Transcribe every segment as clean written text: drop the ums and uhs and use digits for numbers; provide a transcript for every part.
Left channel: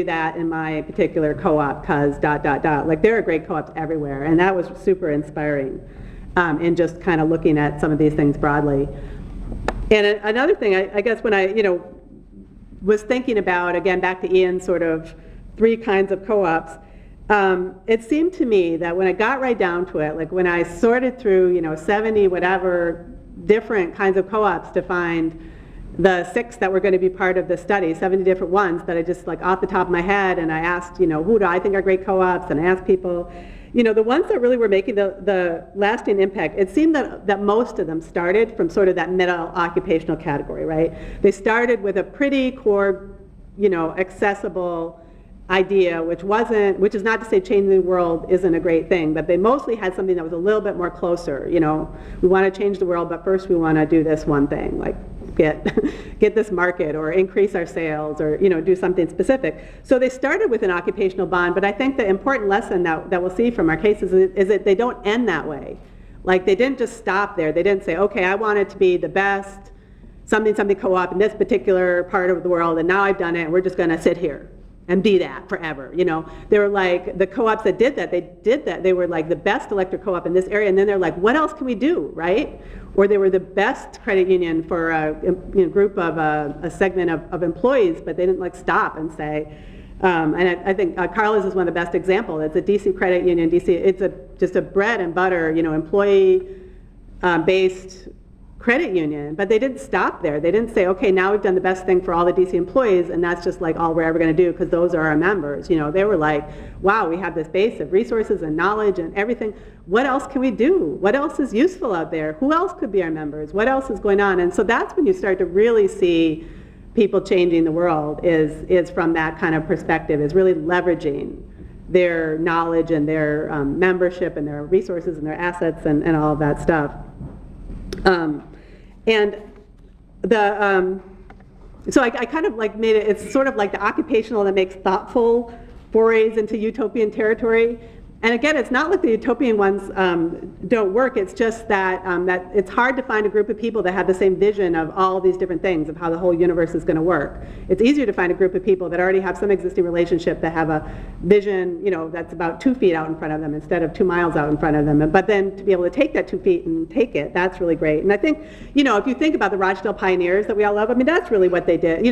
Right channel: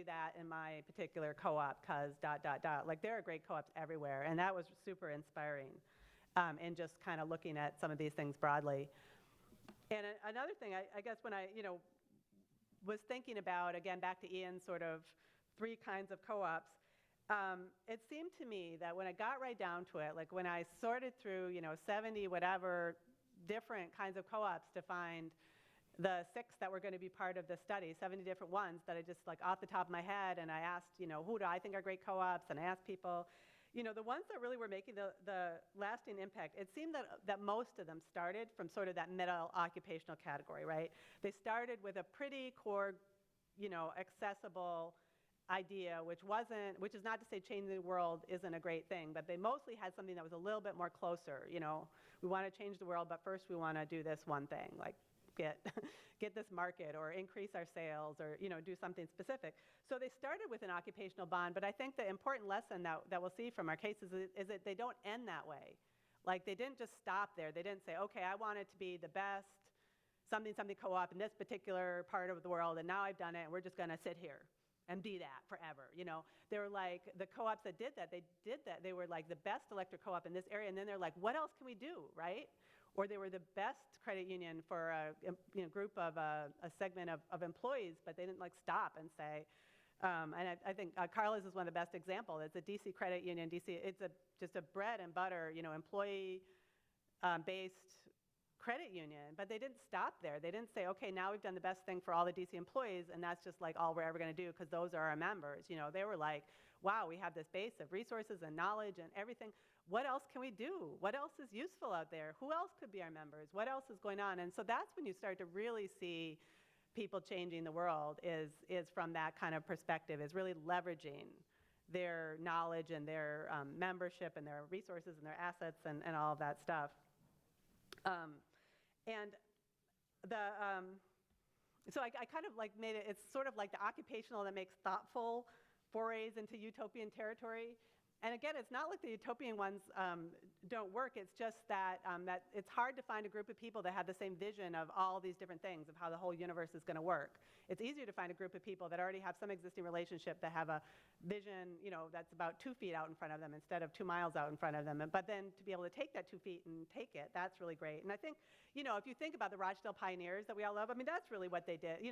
do that in my particular co-op because ... Like there are great co-ops everywhere, and that was super inspiring in just kind of looking at some of these things broadly. And another thing, I guess when I was thinking about, again, back to Ian's sort of 3 kinds of co-ops, it seemed to me that when I got right down to it, like when I sorted through 70 whatever different kinds of co-ops to find the 6 that were going to be part of the study, 70 different ones that I just like off the top of my head, and I asked, who do I think are great co-ops, and I asked people, the ones that really were making the lasting impact, it seemed that most of them started from sort of that middle occupational category, right? They started with a pretty core, accessible idea, which is not to say changing the world isn't a great thing, but they mostly had something that was a little bit more closer. We want to change the world, but first we want to do this one thing, like get this market or increase our sales or do something specific. So they started with an occupational bond, but I think the important lesson that we'll see from our cases is that they don't end that way. Like they didn't just stop there. They didn't say, okay, I want it to be the best something co-op in this particular part of the world, and now I've done it, and we're just going to sit here and be that forever. They were like, the co-ops that did that, they were like the best electric co-op in this area, and then they're like, what else can we do, right? Or they were the best credit union for a group of a segment of employees, but they didn't like stop and say, and I think Carla's is one of the best examples. It's a DC credit union. It's just a bread and butter, employee based credit union, but they didn't stop there. They didn't say, okay, now we've done the best thing for all the DC employees, and that's just like all we're ever going to do because those are our members. They were like, wow, we have this base of resources and knowledge and everything. What else can we do? What else is useful out there? Who else could be our members? What else is going on? And so that's when you start to really see people changing the world is from that kind of perspective, is really leveraging their knowledge and their membership and their resources and their assets and all of that stuff. So I kind of like made it's sort of like the occupational that makes thoughtful forays into utopian territory. And again, it's not like the utopian ones don't work, it's just that, that it's hard to find a group of people that have the same vision of all these different things, of how the whole universe is going to work. It's easier to find a group of people that already have some existing relationship, that have a vision, that's about 2 feet out in front of them instead of 2 miles out in front of them. But then to be able to take that 2 feet and take it, that's really great. And I think, if you think about the Rochdale pioneers that we all love, I mean, that's really what they did.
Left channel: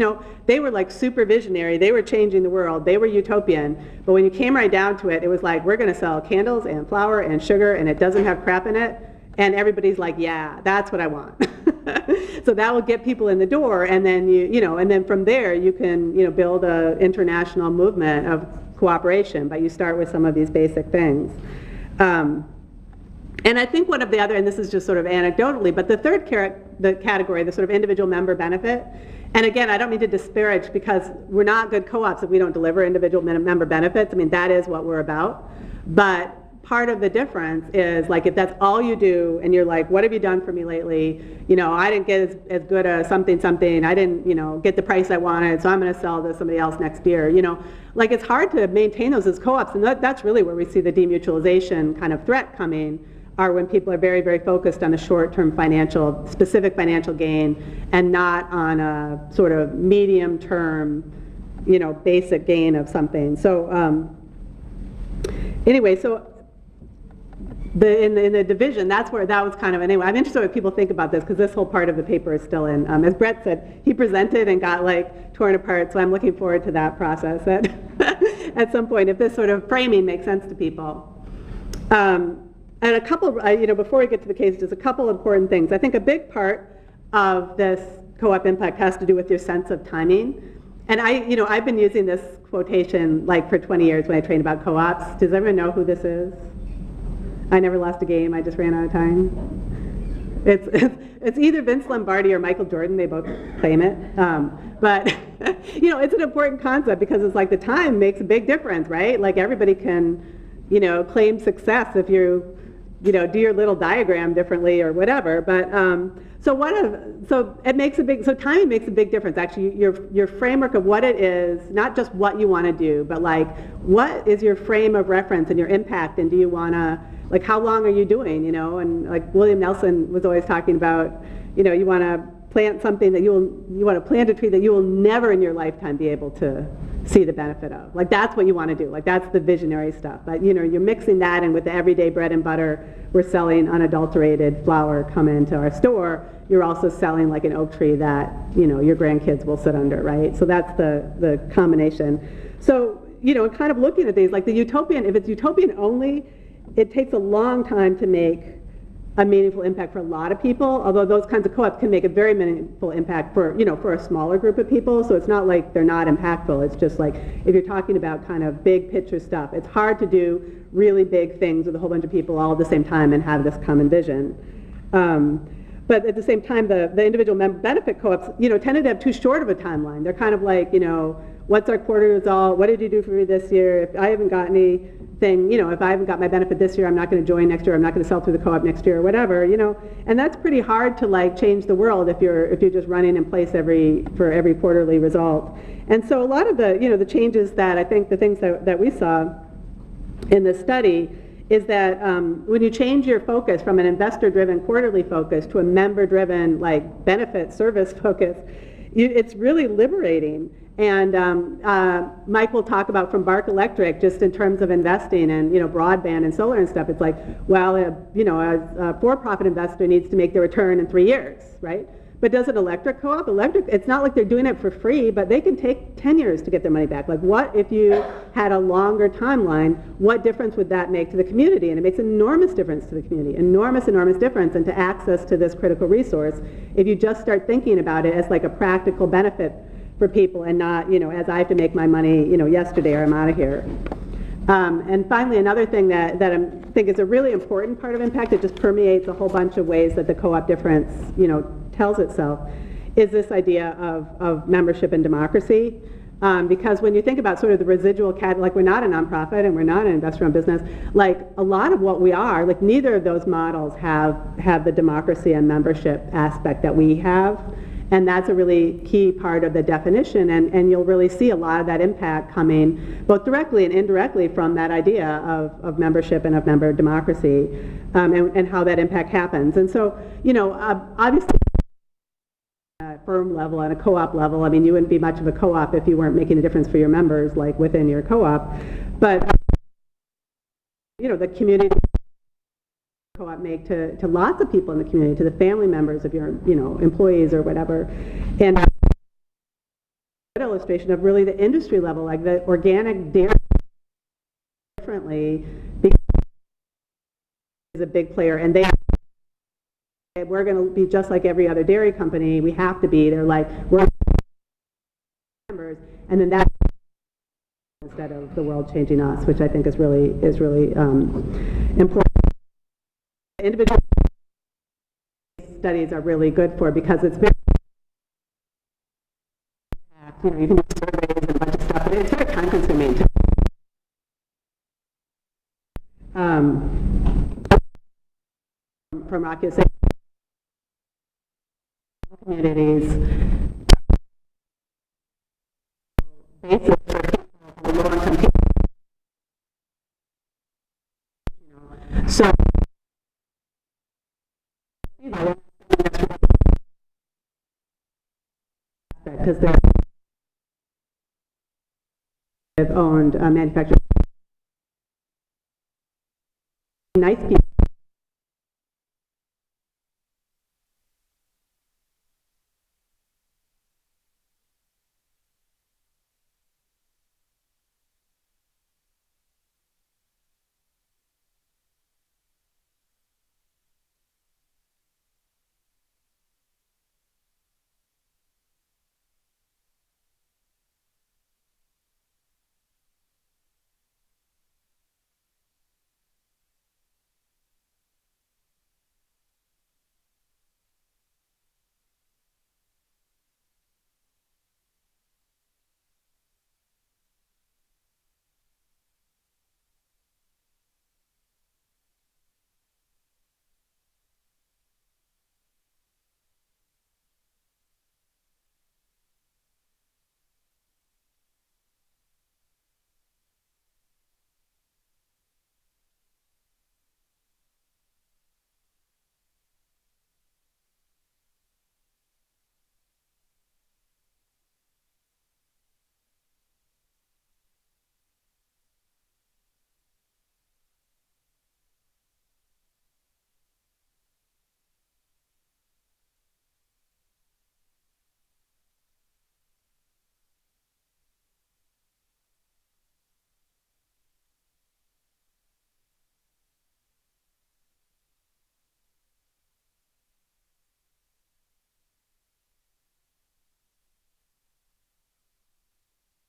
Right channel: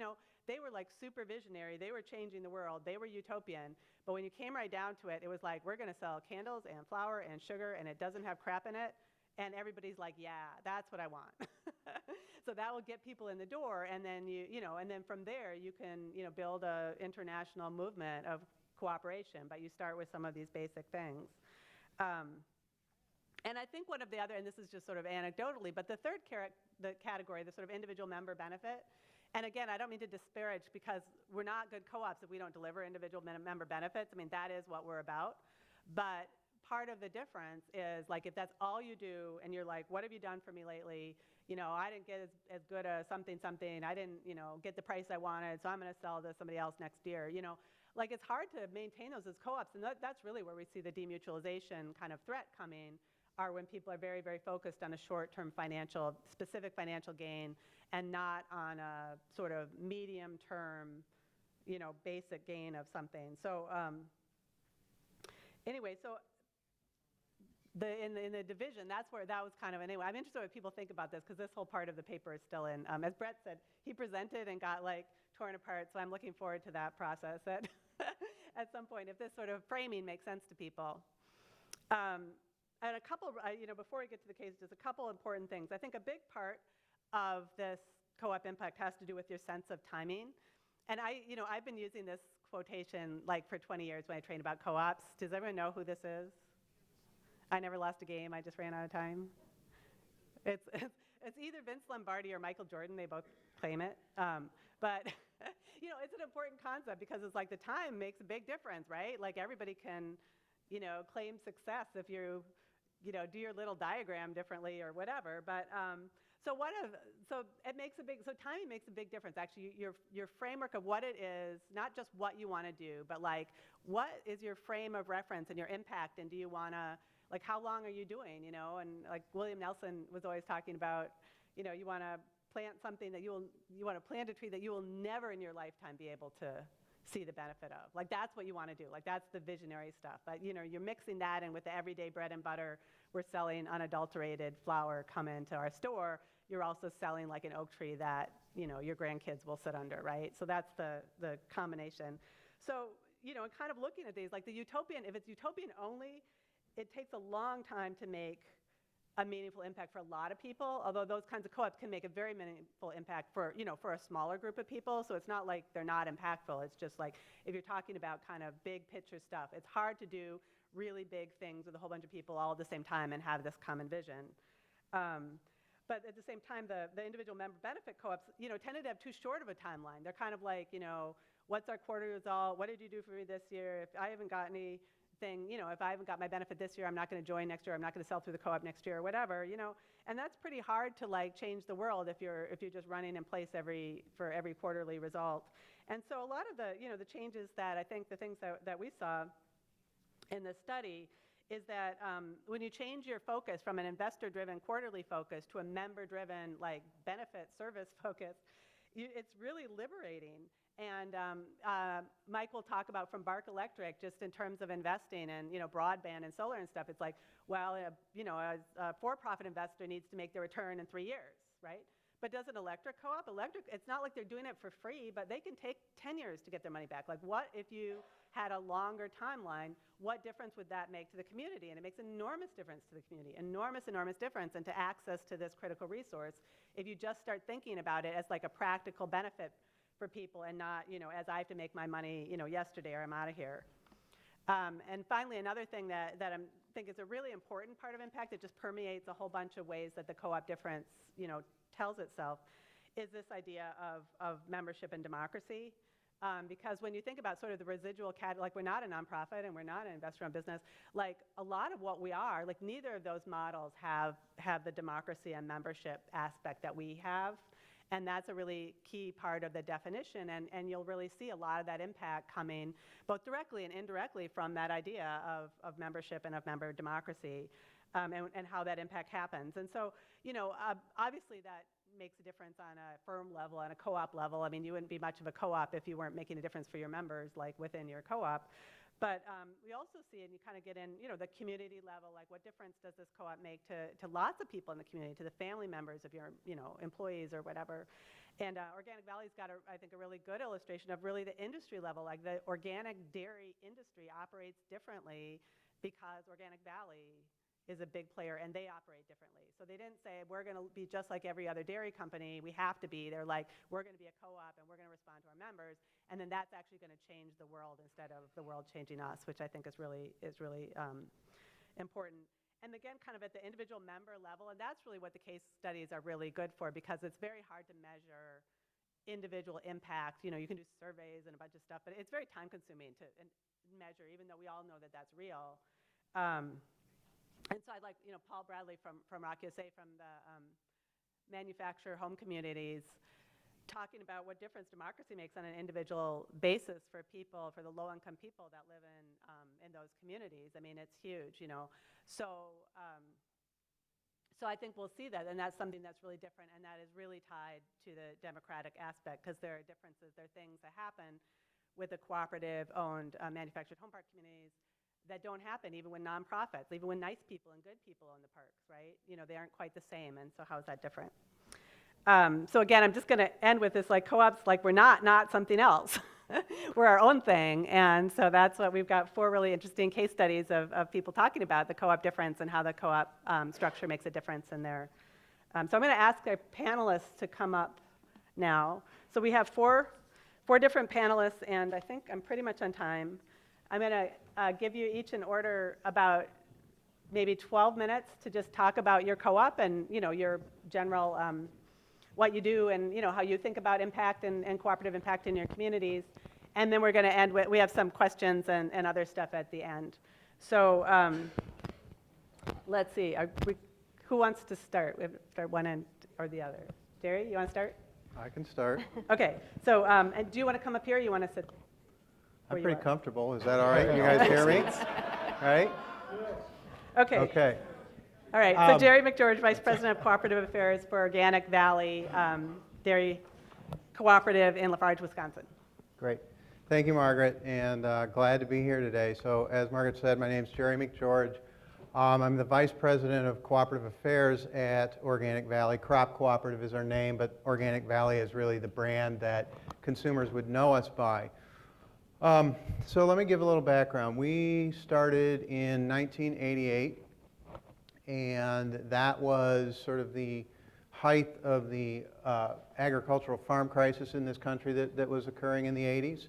They were like super visionary, they were changing the world, they were utopian, but when you came right down to it, it was like, we're going to sell candles and flour and sugar, and it doesn't have crap in it, and everybody's like, yeah, that's what I want. So that will get people in the door, and then and then from there you can build an international movement of cooperation, but you start with some of these basic things. And I think one of the other, and this is just sort of anecdotally, but the third category, the sort of individual member benefit, and again, I don't mean to disparage, because we're not good co-ops if we don't deliver individual member benefits. I mean, that is what we're about. But part of the difference is, like, if that's all you do, and you're like, what have you done for me lately? I didn't get as good a something, I didn't, get the price I wanted, so I'm going to sell to somebody else next year. Like, it's hard to maintain those as co-ops, and that's really where we see the demutualization kind of threat coming, are when people are very, very focused on the short-term specific financial gain, and not on a sort of medium-term, basic gain of something. So anyway, so in the division, that was kind of, anyway, I'm interested in what people think about this, because this whole part of the paper is still in. As Brett said, he presented and got like torn apart, so I'm looking forward to that process at some point, if this sort of framing makes sense to people. And a couple, before we get to the case, just a couple important things. I think a big part of this co-op impact has to do with your sense of timing. And I've been using this quotation like for 20 years when I train about co-ops. Does everyone know who this is? I never lost a game, I just ran out of time. It's either Vince Lombardi or Michael Jordan, they both claim it. But it's an important concept, because it's like the time makes a big difference, right? Like everybody can, claim success if you do your little diagram differently or whatever. But so timing makes a big difference. Actually, your framework of what it is, not just what you want to do, but like what is your frame of reference and your impact, and do you want to, like, how long are you doing, and like William Nelson was always talking about, you want to plant something that you want to plant a tree that you will never in your lifetime be able to see the benefit of. Like, that's what you want to do. Like, that's the visionary stuff. But, you know, you're mixing that in with the everyday bread and butter. We're selling unadulterated flour, come into our store. You're also selling like an oak tree that, you know, your grandkids will sit under, right? So that's the combination. So, you know, kind of looking at these, like the utopian, if it's utopian only, it takes a long time to make a meaningful impact for a lot of people, although those kinds of co-ops can make a very meaningful impact for, you know, for a smaller group of people. So it's not like they're not impactful. It's just like, if you're talking about kind of big picture stuff, it's hard to do really big things with a whole bunch of people all at the same time and have this common vision. But at the same time, the individual member benefit co-ops, you know, tended to have too short of a timeline. They're kind of like, you know, what's our quarter result? What did you do for me this year? If I haven't got anything, you know, if I haven't got my benefit this year, I'm not going to join next year. I'm not going to sell through the co-op next year or whatever, you know. And that's pretty hard to like change the world if you're just running in place for every quarterly result. And so a lot of the, you know, the changes that I think the things that we saw in this study is that when you change your focus from an investor-driven quarterly focus to a member-driven, like, benefit service focus, it's really liberating. And Mike will talk about from Bark Electric, just in terms of investing and, you know, broadband and solar and stuff. It's like, well, you know, a for-profit investor needs to make their return in 3 years, right? But does an electric co-op? It's not like they're doing it for free, but they can take 10 years to get their money back. Like, what if you had a longer timeline? What difference would that make to the community? And it makes enormous difference to the community, enormous difference, and to access to this critical resource if you just start thinking about it as like a practical benefit for people and not, you know, as I have to make my money, you know, yesterday or I'm out of here. And finally, another thing that I think is a really important part of impact, it just permeates a whole bunch of ways that the co-op difference, you know, tells itself, is this idea of membership and democracy. Because when you think about sort of the residual like, we're not a nonprofit and we're not an investor-owned business, like a lot of what we are, like neither of those models have the democracy and membership aspect that we have. And that's a really key part of the definition, and you'll really see a lot of that impact coming both directly and indirectly from that idea of membership and of member democracy, and how that impact happens. And so, you know, obviously that makes a difference on a firm level, on a co-op level. I mean, you wouldn't be much of a co-op if you weren't making a difference for your members, like within your co-op. But we also see, and you kind of get in, you know, the community level, like what difference does this co-op make to lots of people in the community, to the family members of your, you know, employees or whatever. And Organic Valley's got, I think, a really good illustration of really the industry level. Like the organic dairy industry operates differently because Organic Valley is a big player and they operate differently. So they didn't say, we're going to be just like every other dairy company. We have to be. They're like, we're going to be a co-op and we're going to respond to our members. And then that's actually going to change the world instead of the world changing us, which I think is really important. The individual member level, and that's really what the case studies are really good for, because it's very hard to measure individual impact. You know, you can do surveys and a bunch of stuff, but it's very time consuming to measure, even though we all know that that's real. So I'd like, you know, Paul Bradley from Rock USA, from the manufacturer home communities, talking about what difference democracy makes on an individual basis for people, for the low-income people that live in those communities. I mean, it's huge, you know. So I think we'll see that, and that's something that's really different, and that is really tied to the democratic aspect, because there are differences, there are things that happen with the cooperative-owned manufactured home park communities that don't happen even with nonprofits, even with nice people and good people in the parks, right? You know, they aren't quite the same, and so how is that different? So again, I'm just going to end with this, like, co-ops, like, we're not something else. We're our own thing, and so that's what we've got 4 really interesting case studies of people talking about the co-op difference and how the co-op structure makes a difference in their. So I'm going to ask our panelists to come up now. So we have four different panelists, and I think I'm pretty much on time. I'm going to give you each in order about maybe 12 minutes to just talk about your co-op and, you know, your general what you do and, you know, how you think about impact and cooperative impact in your communities. And then we're going to end with, we have some questions and other stuff at the end. So let's see, who wants to start? We have to start one end or the other. Jerry, you want to start? I can start. Okay, so and do you want to come up here or you want to sit? I'm pretty comfortable. Is that all right? You guys hear me? All right? Okay. Okay. All right, so Jerry McGeorge, Vice President of Cooperative Affairs for Organic Valley Dairy Cooperative in Lafarge, Wisconsin. Great. Thank you, Margaret, and glad to be here today. So as Margaret said, my name is Jerry McGeorge. I'm the Vice President of Cooperative Affairs at Organic Valley. Crop Cooperative is our name, but Organic Valley is really the brand that consumers would know us by. So let me give a little background. We started in 1988, and that was sort of the height of the agricultural farm crisis in this country that was occurring in the 80s.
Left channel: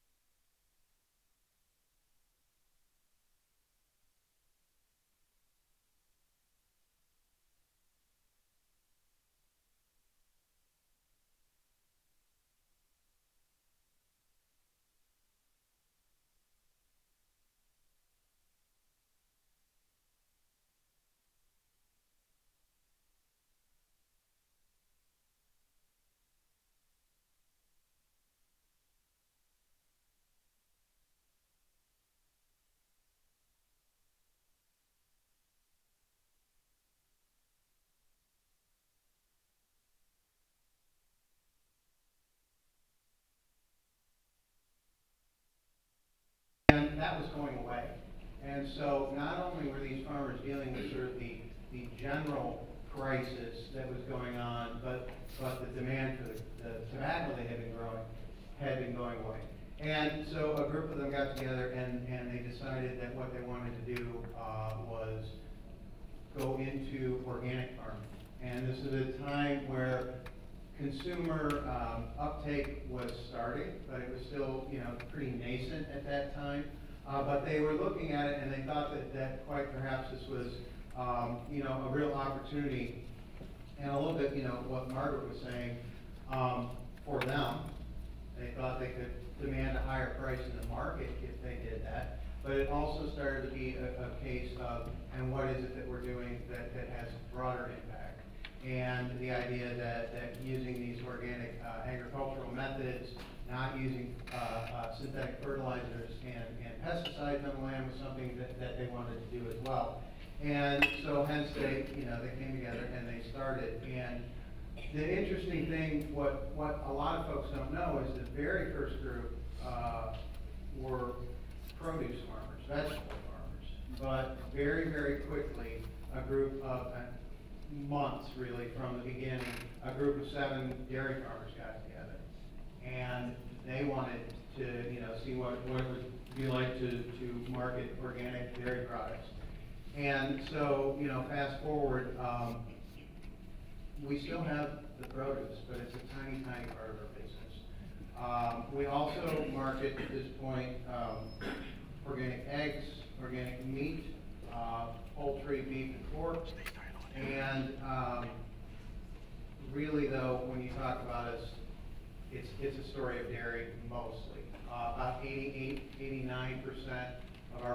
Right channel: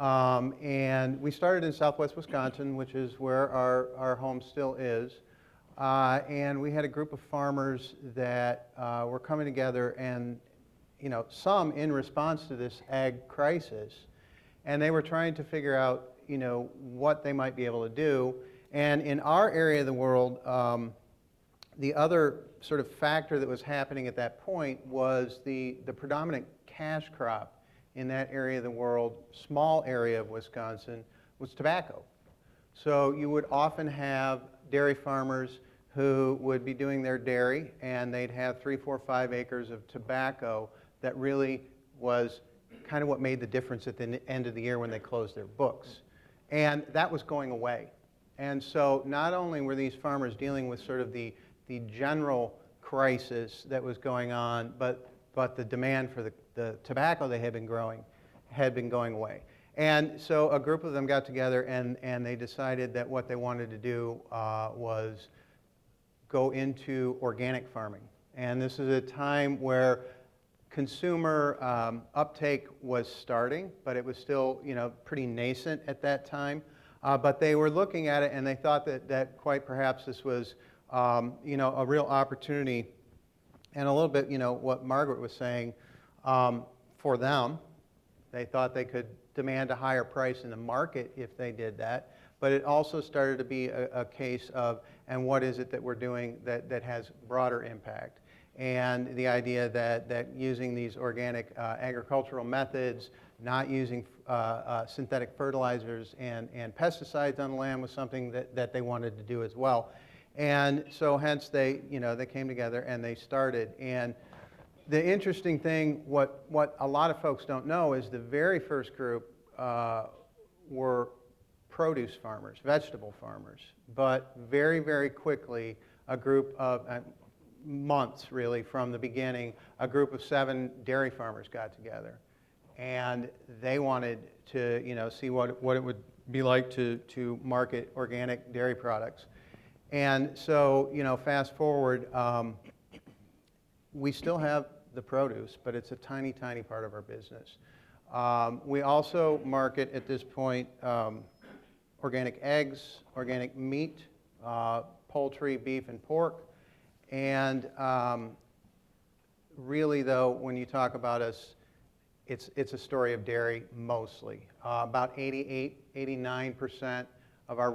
And we started in southwest Wisconsin, which is where our home still is. And we had a group of farmers that were coming together and, some in response to this ag crisis. And they were trying to figure out, what they might be able to do. And in our area of the world, the other sort of factor that was happening at that point was the predominant cash crop in that area of the world, small area of Wisconsin, was tobacco. So you would often have dairy farmers who would be doing their dairy, and they'd have 3, 4, 5 acres of tobacco that really was kind of what made the difference at the end of the year when they closed their books. And that was going away. And so not only were these farmers dealing with sort of the general crisis that was going on, but the demand for the tobacco they had been growing had been going away. And so a group of them got together and they decided that what they wanted to do was go into organic farming. And this is a time where consumer uptake was starting, but it was still pretty nascent at that time. But they were looking at it and they thought that quite perhaps this was a real opportunity. And a little bit, what Margaret was saying, for them, they thought they could demand a higher price in the market if they did that. But it also started to be a case of, and what is it that we're doing that has broader impact? And the idea that using these organic agricultural methods, not using synthetic fertilizers and pesticides on the land was something that they wanted to do as well. And so hence they came together and they started. And the interesting thing, what a lot of folks don't know is the very first group were produce farmers, vegetable farmers. But very, very quickly, a group of months really from the beginning, a group of 7 dairy farmers got together. And they wanted to see what it would be like to market organic dairy products. And so, fast forward, we still have the produce, but it's a tiny, tiny part of our business. We also market at this point organic eggs, organic meat, poultry, beef, and pork. And really, though, when you talk about us, it's a story of dairy mostly. About 88, 89% of our